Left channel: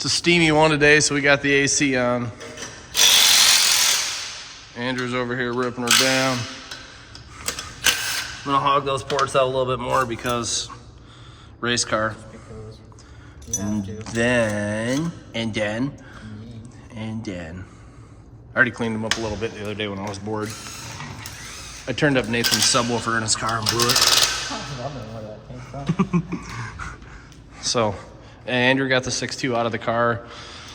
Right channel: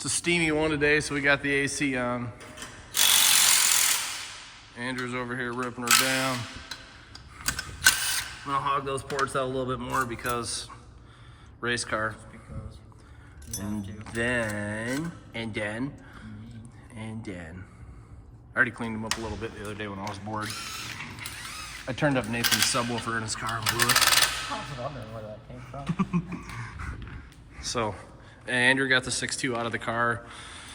It's a steamy one today, so we got the AC on. Andrew's over here ripping her down. I'm gonna hog those ports out a little bit more because race car. And then. I already cleaned them up a little bit the other day when I was bored. I turned up Nathan's subwoofer in his car and blew it. So, Andrew got the 6.2 out of the car,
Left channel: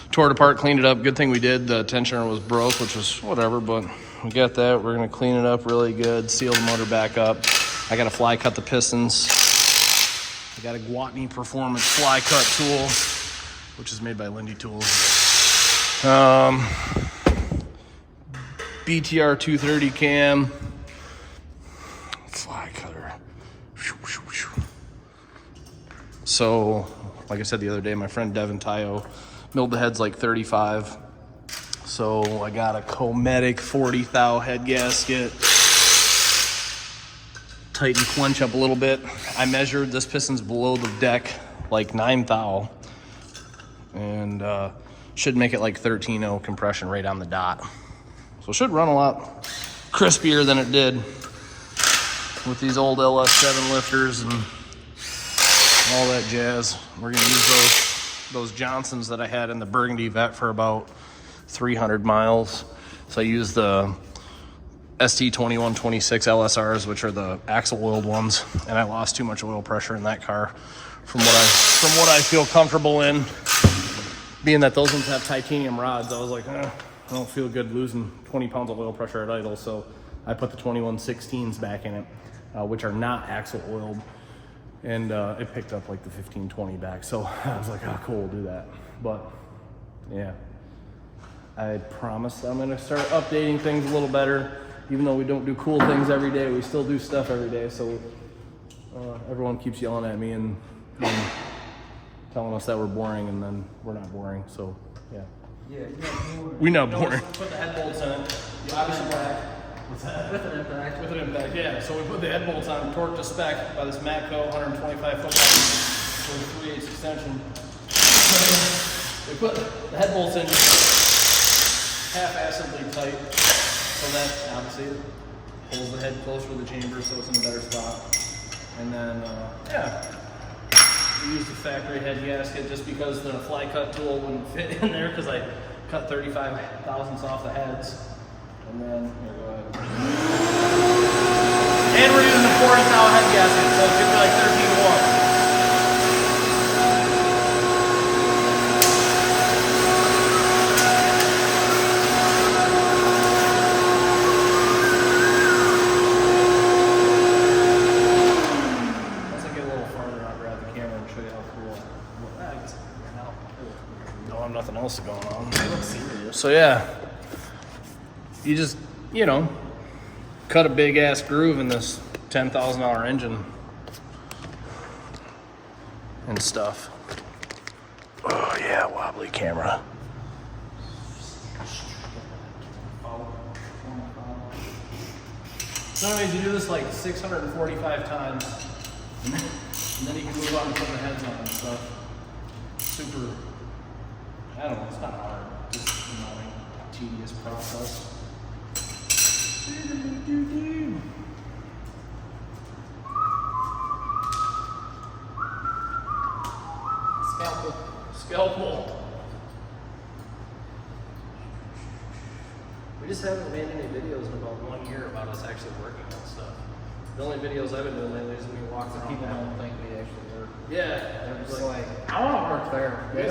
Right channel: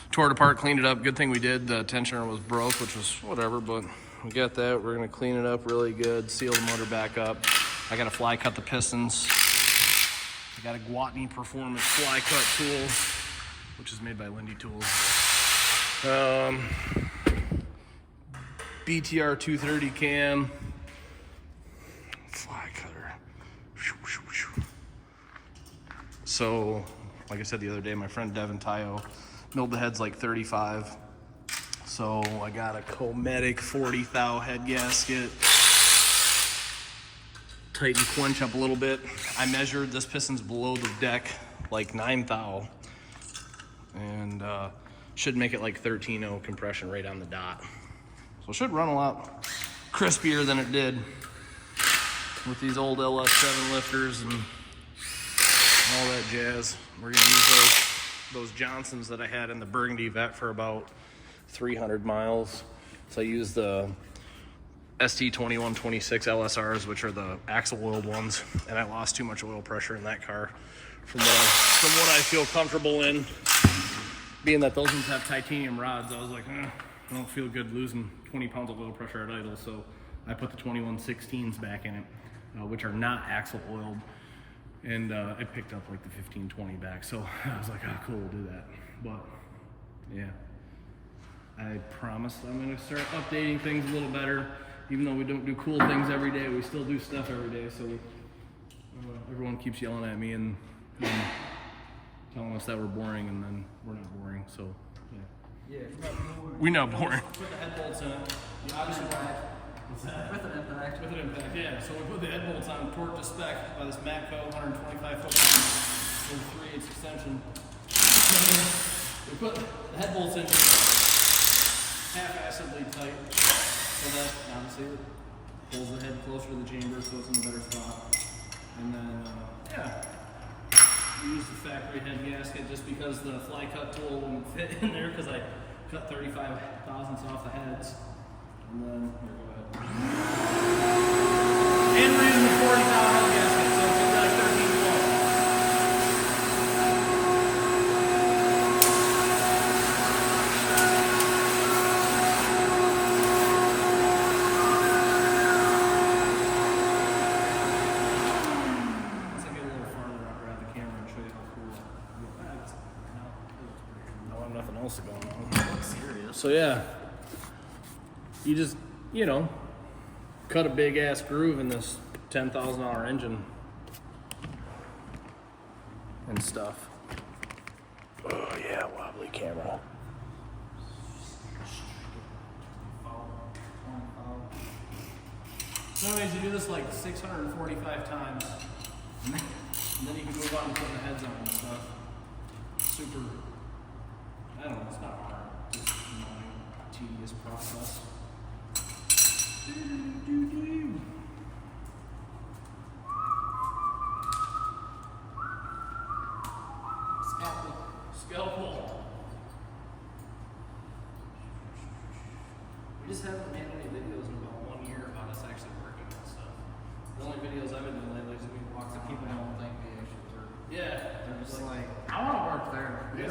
tore it apart, cleaned it up. Good thing we did. The tensioner was broke, which was whatever, but we got that. We're gonna clean it up really good, seal the motor back up. I gotta fly cut the pistons. I got a Gwatney Performance fly cut tool, which is made by Lindy Tools. BTR 230 cam, fly cutter. So, like I said the other day, my friend Devin Tayo milled the heads like 35. So I got a Cometic 40 thou head gasket. Tighten quench up a little bit. I measured this piston's below the deck like 9 thou, and should make it like 13.0 compression right on the dot. So it should run a lot crispier than it did with these old LS7 lifters and all that jazz. We're gonna use those Johnsons that I had in the Burgundy Vet for about 300 miles. So I use the ST2126 LSRs, which are the axle oiled ones, and I lost too much oil pressure in that car from what I feel comfortable in. Being that those ones have titanium rods, I was like, I don't feel good losing 20 pounds of oil pressure at idle, so I put the 2116s back in it, which are not axle oiled, and it picked up like the 1520 back. So I was like, oh, cool, we'll do that. But yeah, I promised I'm gonna start updating things a little better. Even though we don't do cool things every day, we still do stuff every day. So everyone keeps yelling at me and telling us that we're boring, and then we're not boring. So yeah. We're not boring. Put the head bolts in it. The obviously back. What's that? With an impact. With an impact, yeah. So we put the head bolts on, torque to spec by this Matco 125 foot with a 3/8 extension. We put the head bolts in half-assedly tight. So that obviously pulls the head closer to the chamber, so it's in a better spot. And then, yeah, we used the factory head gasket just because the fly cut tool wouldn't fit in there because I cut 35 thousandths off the heads. And then, here, go ahead. And we're using the 40 thou head gasket, so it should be like 13.1. Going on. It looks serious. So yeah, you just, cut a big ass groove in this $10,000 engine and stuff. Oh yeah, wobbly camera. So anyways, you do this like 645 times, and then you can move on and put the heads on and stuff. Super. I don't know, it's not hard, just annoying, tedious process. Scalpel. We just haven't made any videos in about 1 year about us actually working on stuff. The only videos I've been doing lately is when we walk around. People don't think we actually work. Yeah. They're just like, I want to work there. They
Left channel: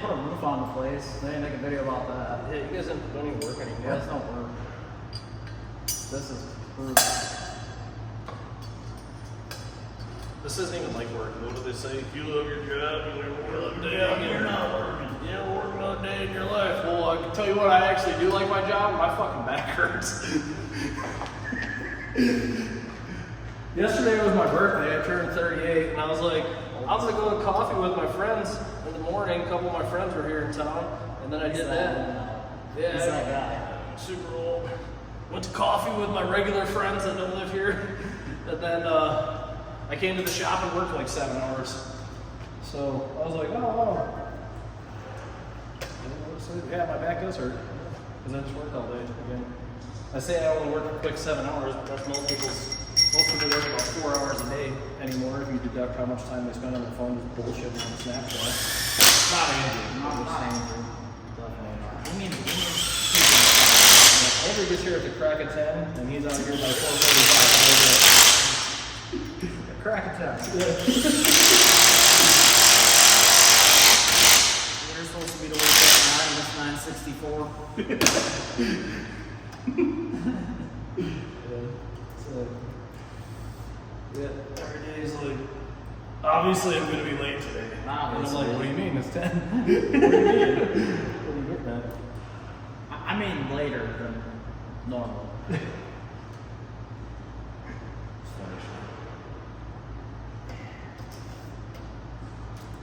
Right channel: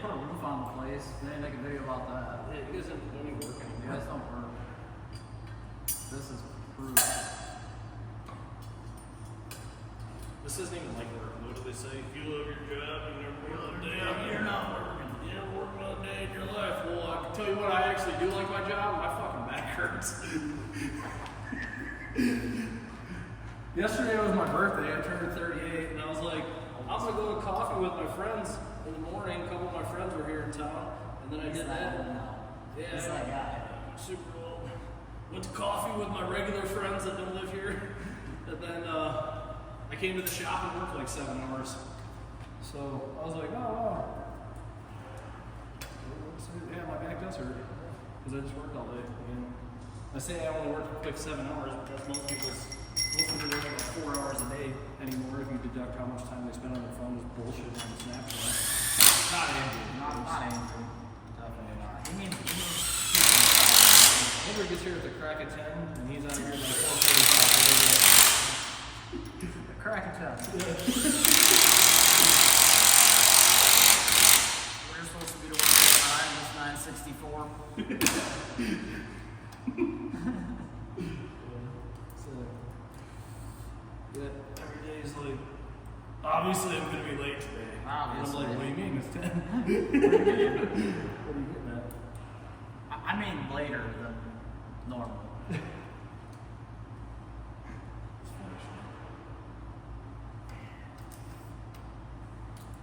put a roof on the place. They didn't make a video about that. Yeah, you guys don't even work anymore. You guys don't work. This is proof. This isn't even like work. What do they say? If you love your job, you never work a day. You're not working. You never work another day in your life. Well, I can tell you what, I actually do like my job. My fucking back hurts. Yesterday was my birthday. I turned 38, and I was like, I was gonna go to coffee with my friends in the morning. A couple of my friends were here in town, and then I did that. Yeah, he's that guy. Super old. Went to coffee with my regular friends that don't live here, and then I came to the shop and worked like 7 hours. So I was like, oh, Yeah, my back does hurt because I just worked all day again. I say I only work a quick 7 hours, but that's most people work about 4 hours a day anymore if you deduct how much time they spend on their phone just bullshitting on Snapchat. Not Andrew. Not Andrew. Definitely not. He means Andrew gets here at the crack of 10, and he's out here by 4:45. the crack of 10. We're supposed to be to work at 9, and it's 9:64. Yeah, every day is like, obviously I'm going to be late today. Obviously. And I'm like, what do you mean? It's 10. What do you mean? What are you getting at? I mean later than normal.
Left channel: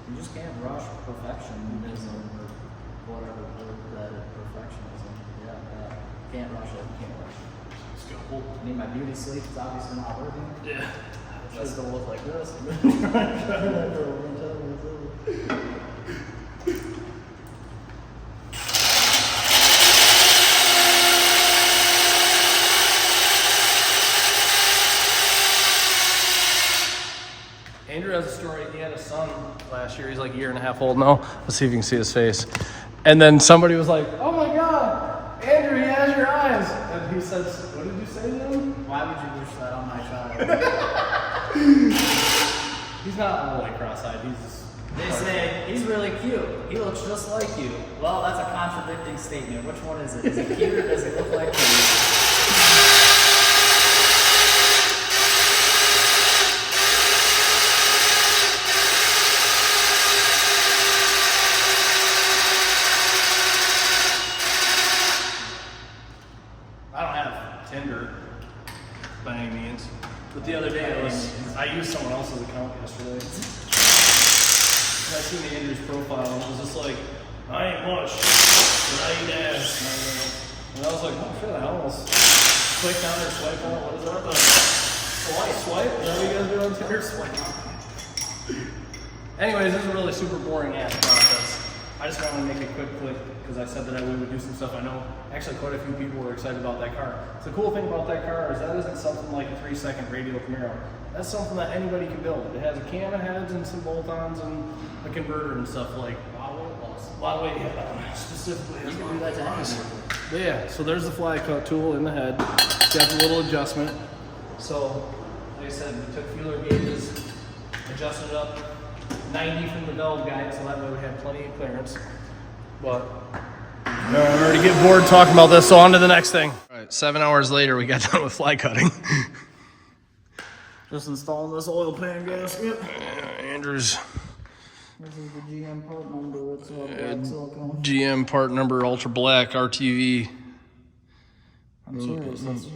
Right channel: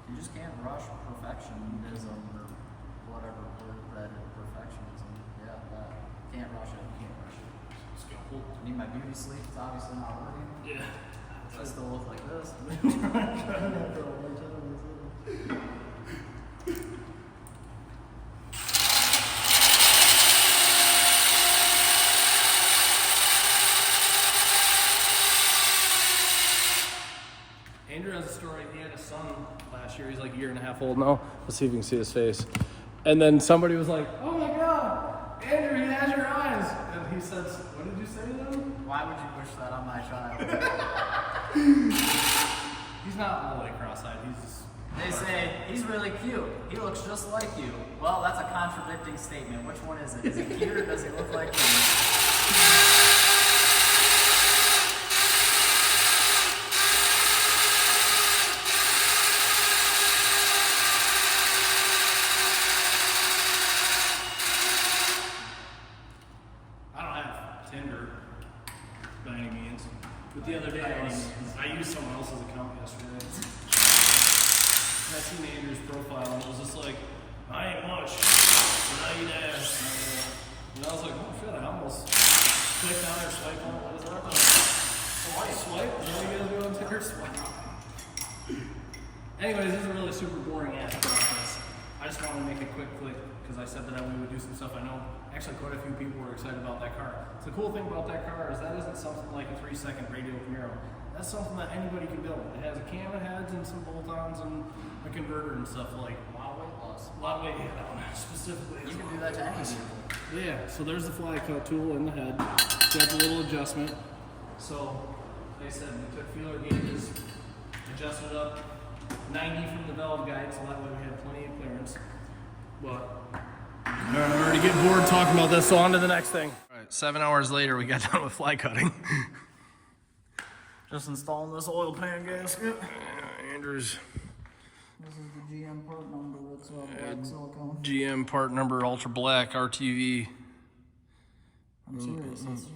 You just can't rush perfectionism or whatever word that is, perfectionism. Yeah. Can't rush it. Can't rush it. Let's go. I need my beauty sleep. It's obviously not working. Yeah. I still look like this. Andrew has a story. He had a son last year. He's like a year and a half old now. Let's see if you can see his face. And then somebody was like, "Oh my God, Andrew, he has your eyes." And he says, "What did you say to him?" Why would you wish that on my child? He's not all like cross-eyed. He's just. They say, he's really cute. He looks just like you. Well, that's a contradicting statement. Which one is it? Is he cute or does he look like you? I don't have Tinder by any means. But the other day I used someone else's account yesterday. And I seen Andrew's profile and it was just like, I ain't much, but I eat ass. And I was like, oh shit, I almost clicked down there, swipe out. What is that? Swipe? Is that what you guys do on Tinder? Swipe. Anyways, this is a really super boring ass process. I just wanted to make a quick click because I said that we would do some stuff. I know actually quite a few people were excited about that car. So the cool thing about that car is that isn't something like a 3-second radial Camaro. That's something that anybody can build. It has a cam heads and some bolt-ons and a converter and stuff like. A lot of weight loss. A lot of weight, yeah, that one specifically. You can do that to any vehicle. But yeah, so there's the fly cut tool in the head. Got the little adjustment. So, like I said, we took feeler gauges, adjusted it up 90 from the valve guide, so that way we have plenty of clearance. But I'm already getting bored talking about this, so on to the next thing. All right, 7 hours later, we got done with fly cutting. Just installing this oil pan gasket. Andrew's This is the GM part number. It's black silicone. GM part number Ultra Black RTV. I'm serious. That's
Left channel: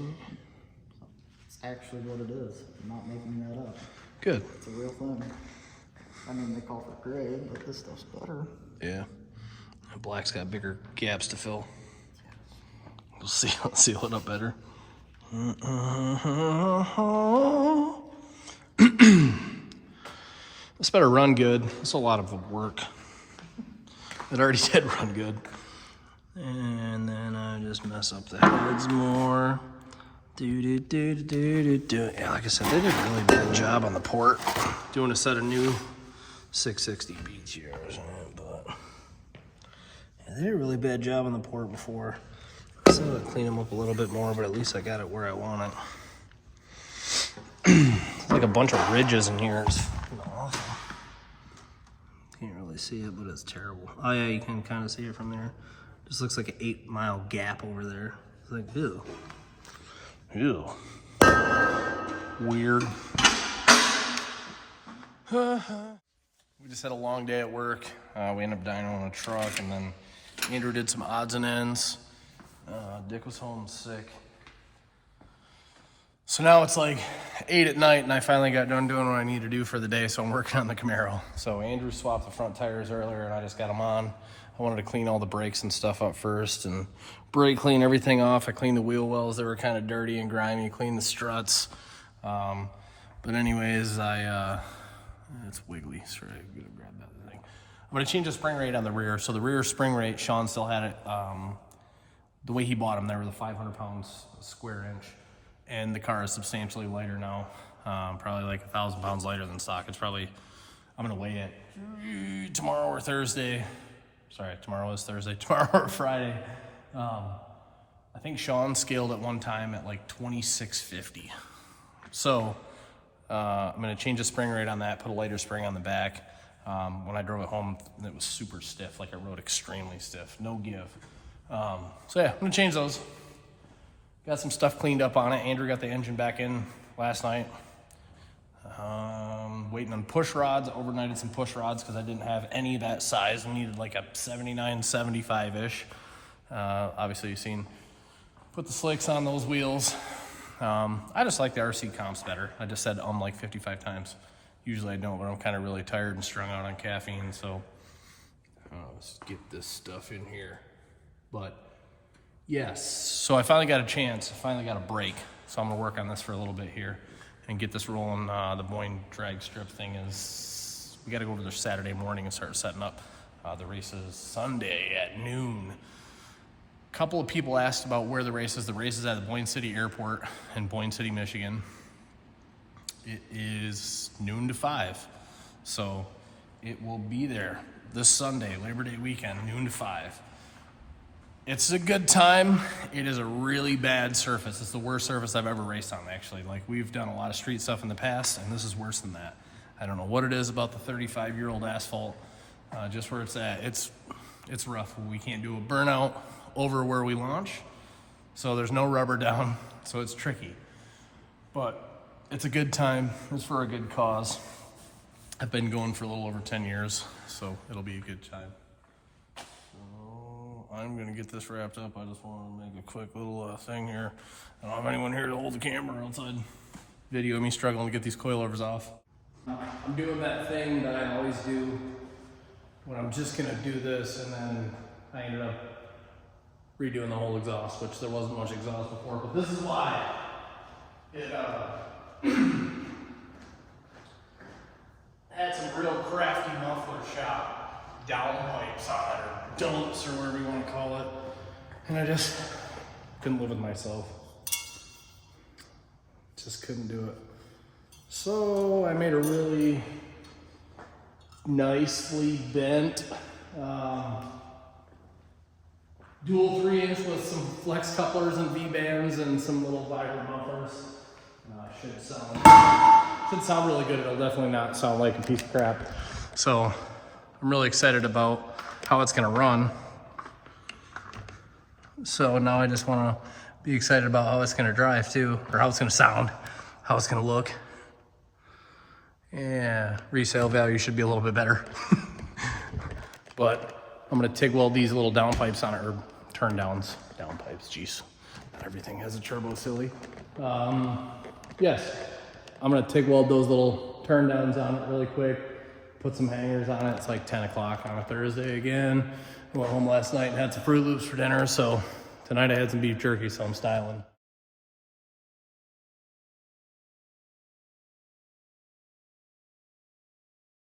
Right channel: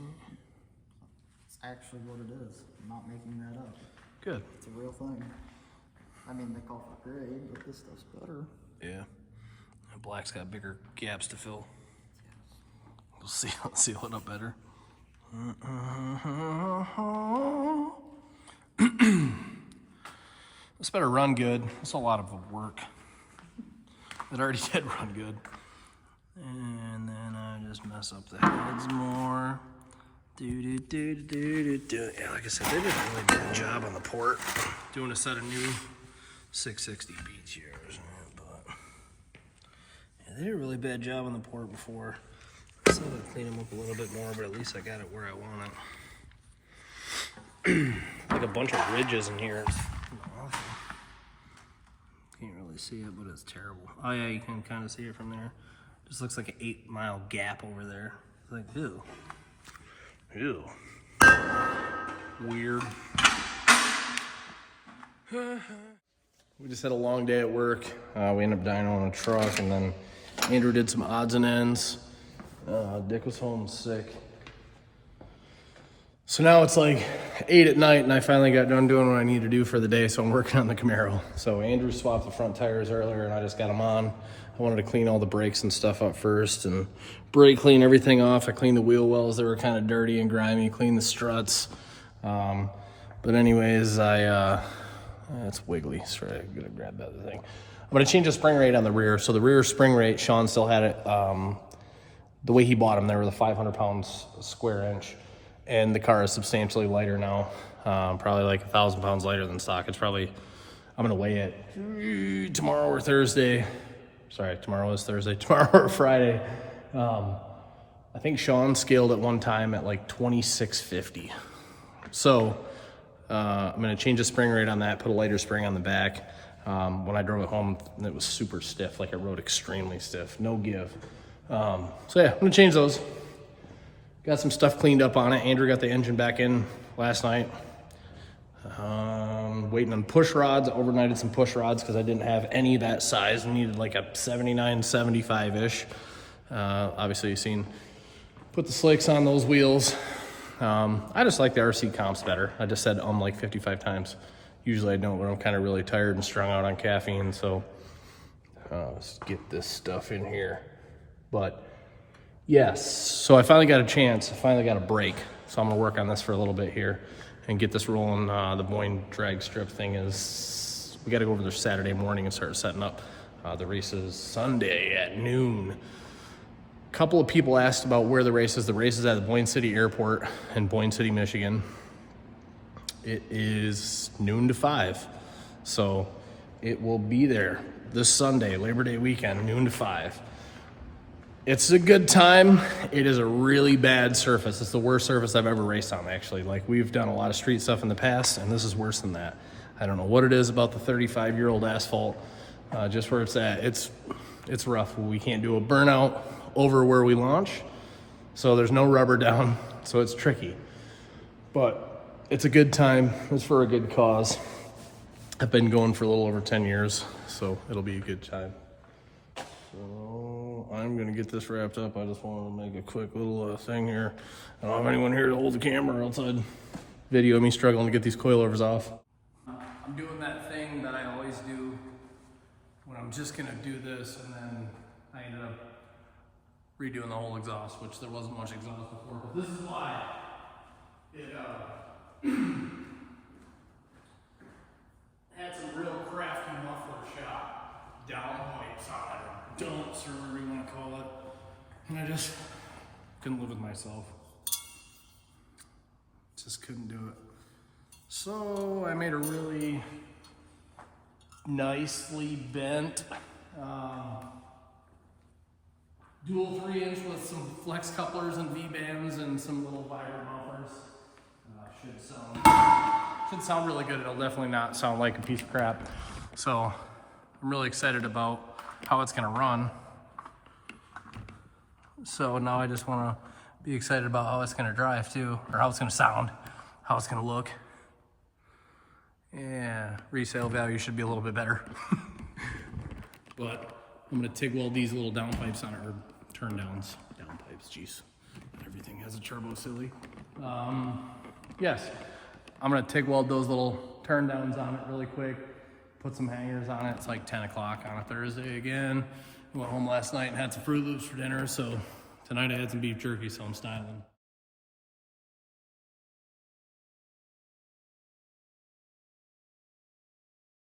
actually what it is. I'm not making that up. Good. It's a real thing. I mean, they call for gray, but this stuff's better. Yeah. Black's got bigger gaps to fill. We'll see. I'll seal it up better. This better run good. It's a lot of work. It already did run good. And then I just mess up the heads more. Yeah, like I said, they did a really good job on the port. Doing a set of new 660 beats here. But yeah, they did a really bad job on the port before. So I'm gonna clean them up a little bit more, but at least I got it where I want it. It's like a bunch of ridges in here. It's awful. Can't really see it, but it's terrible. Oh yeah, you can kind of see it from there. Just looks like an 8-mile gap over there. It's like, ew. Ew. Weird. We just had a long day at work. We ended up dining on a truck, and then Andrew did some odds and ends. Dick was home sick. So now it's like 8 at night, and I finally got done doing what I need to do for the day, so I'm working on the Camaro. So Andrew swapped the front tires earlier, and I just got them on. I wanted to clean all the brakes and stuff up first, and brake clean everything off. I cleaned the wheel wells that were kind of dirty and grimy, cleaned the struts. But anyways, it's wiggly. Sorry, I'm gonna grab that thing. I'm gonna change the spring rate on the rear. So the rear spring rate, Sean still had it, the way he bought them, they were the 500 pounds square inch. And the car is substantially lighter now, probably like 1,000 pounds lighter than stock. It's probably, I'm gonna weigh it tomorrow or Thursday. Sorry, tomorrow is Thursday, tomorrow or Friday. I think Sean scaled at one time at like 2650. So I'm gonna change the spring rate on that, put a lighter spring on the back. When I drove it home, it was super stiff, like it rode extremely stiff, no give. So yeah, I'm gonna change those. Got some stuff cleaned up on it. Andrew got the engine back in last night. Waiting on push rods. Overnighted some push rods because I didn't have any that size. I needed like a 79, 75-ish. Obviously you've seen, put the slicks on those wheels. I just like the RC comps better. I just said like 55 times. Usually I don't, but I'm kind of really tired and strung out on caffeine. So let's get this stuff in here. But yes, so I finally got a chance. I finally got a break. So I'm gonna work on this for a little bit here and get this rolling. The Boyne drag strip thing is, we got to go over there Saturday morning and start setting up. The race is Sunday at noon. A couple of people asked about where the race is. The race is at the Boyne City Airport in Boyne City, Michigan. It is noon to 5. So it will be there this Sunday, Labor Day weekend, noon to 5. It's a good time. It is a really bad surface. It's the worst surface I've ever raced on, actually. Like, we've done a lot of street stuff in the past, and this is worse than that. I don't know what it is about the 35-year-old asphalt, just where it's at. It's rough. We can't do a burnout over where we launch, so there's no rubber down, so it's tricky. But it's a good time. It's for a good cause. I've been going for a little over 10 years, so it'll be a good time. So I'm gonna get this wrapped up. I just want to make a quick little thing here. I don't have anyone here to hold the camera outside. Video me struggling to get these coilovers off. I'm doing that thing that I always do when I'm just gonna do this, and then I ended up redoing the whole exhaust, which there wasn't much exhaust before, but this is why. It had some real crafty muffler shop downpipes on it, or dumps, or whatever you want to call it. And I just couldn't live with myself. Just couldn't do it. So I made a really nicely bent dual 3-inch with some flex couplers and V-bands and some little vibrant mufflers. Should sound really good. It'll definitely not sound like a piece of crap. So I'm really excited about how it's gonna run. So now I just wanna be excited about how it's gonna drive too, or how it's gonna sound, how it's gonna look. Yeah, resale value should be a little bit better. But I'm gonna TIG weld these little downpipes on it, or turn downs, downpipes, jeez. Everything has a turbo silly. Yes, I'm gonna TIG weld those little turn downs on it really quick, put some hangers on it. It's like 10 o'clock on a Thursday again. I went home last night and had some Fruit Loops for dinner, so tonight I had some beef jerky, so I'm styling.